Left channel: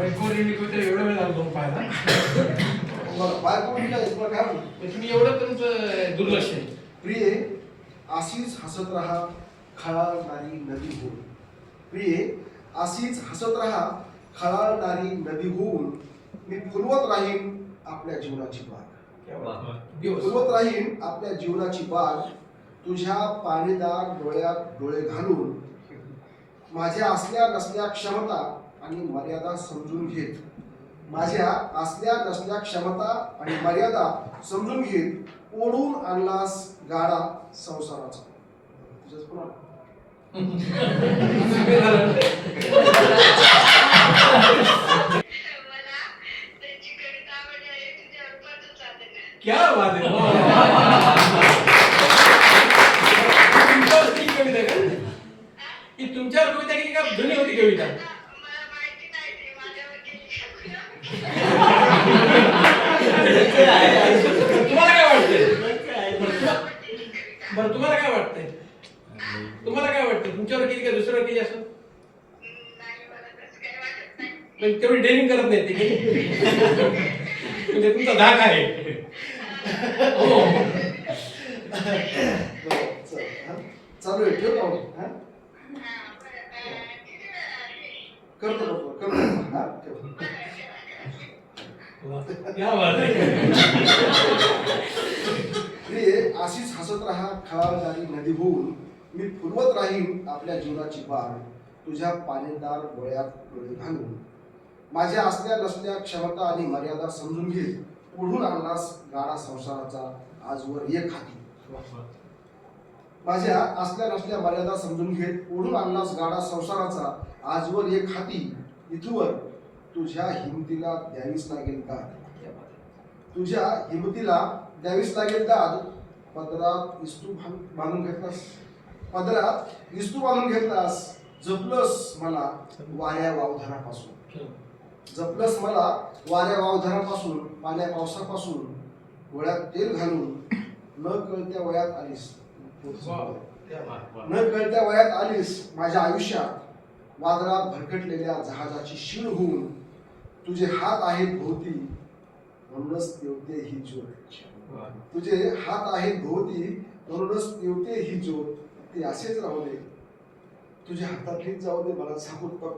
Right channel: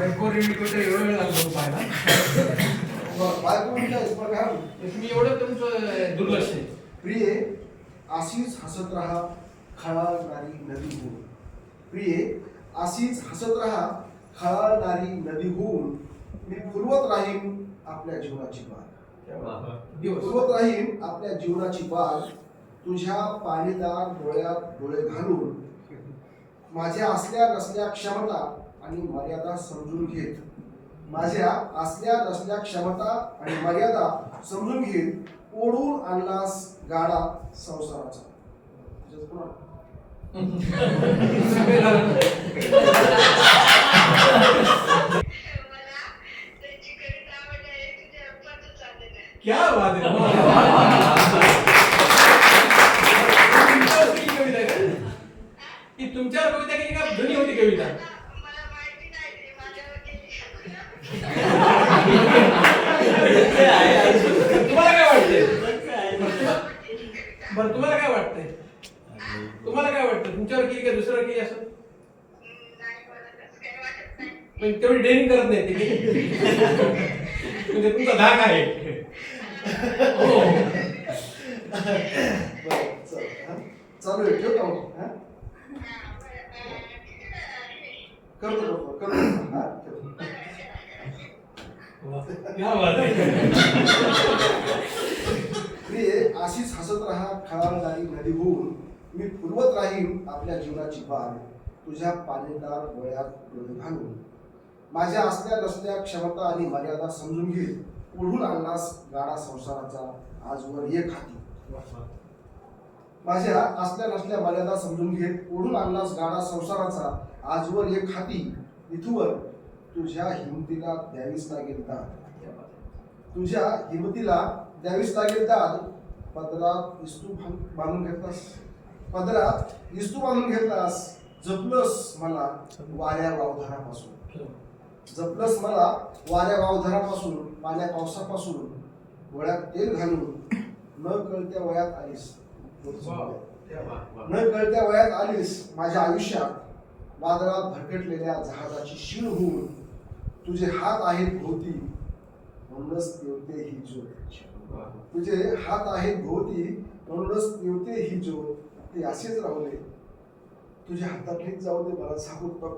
बायको रिमिकोटे एवढं वेळ लागतो पाहायला. बायको म्हटलं काय तुम्ही एवढं तुमचं दुर्लक्ष आहे. प्रिये अशीच हसत राहा खळाळणारी नदी होऊन. प्रिये अशीच हसत राहा खळाळणारी नदी होऊन. मी फुलवत राहीन आपल्या जीवनाची बाग. फुलवत राहीन आपल्या जीवनाची बाग. तुझ्या पाणीदार डोळ्यात डोळे घालून. माझ्या असल्या नसल्या क्षमता आणि मर्यादा समजून घेत. माझ्या असल्या नसल्या क्षमता आणि मर्यादा समजून घेत. ओढून आणलास गाडा संसाराचा. तुझंच पुन्हा क्या बात आहे. कविता आहे का? ही तुमच्यावर कविता केली का जुनी होती कविता? तुम्हाला काय वाटतंय? बरं तुम्हाला काय वाटतंय? तुम्हाला काय वाटतं तुमच्यावर केली का दुसऱ्यावर केली असं? पण तेवढी डेअरिंग करत नाही ते. म्हणजे तुमचा धाक आहे. हो चालू आहे. ठेव का मग? करतो हा ठेव. क्या बात आहे. प्रिये अशीच हसत राहा खळाळणारी नदी होऊन. मी फुलवत राहीन आपल्या जीवनाची बाग. तुझ्या पाणीदार डोळ्यात डोळे घालून. माझ्या असल्या नसल्या क्षमता आणि मर्यादा समजून घे. ओढून आणलास गाडा संसाराचा आजवर एक हाती. माझ्या असल्या नसल्या मर्यादा समजून घेत ओढून आणलास गाडा संसाराचा आजवर एक हाती. इथवर तुझ्या हिमतीला द्यावीच लागेल दाद. तुझ्या हिमतीला द्यावीच लागेल दाद. पदरात इस्तू बांधून घेतलास. पदरात इस्तू बांधून घेतलास. जपलंस मला वाऱ्या वावधानापासून. जपलंस मला वाऱ्या वावधानापासून. पाण्या पावसापासून. डोळ्यात तेल घालून. न कळत्या वयात आलीस. न कळत्या वयात आलीस माझ्या आयुष्यात. वादळात भरकटलेल्या जहाजाची शीण होऊन. तुझे हात आहेत भोवती म्हणूनच तेवते ही ज्योत. तुझे हात आहेत भोवती म्हणूनच तेवते ही ज्योत. ते असेच राहू दे. तुझ्या हातातलीच जाऊ दे मला झाकून बघ.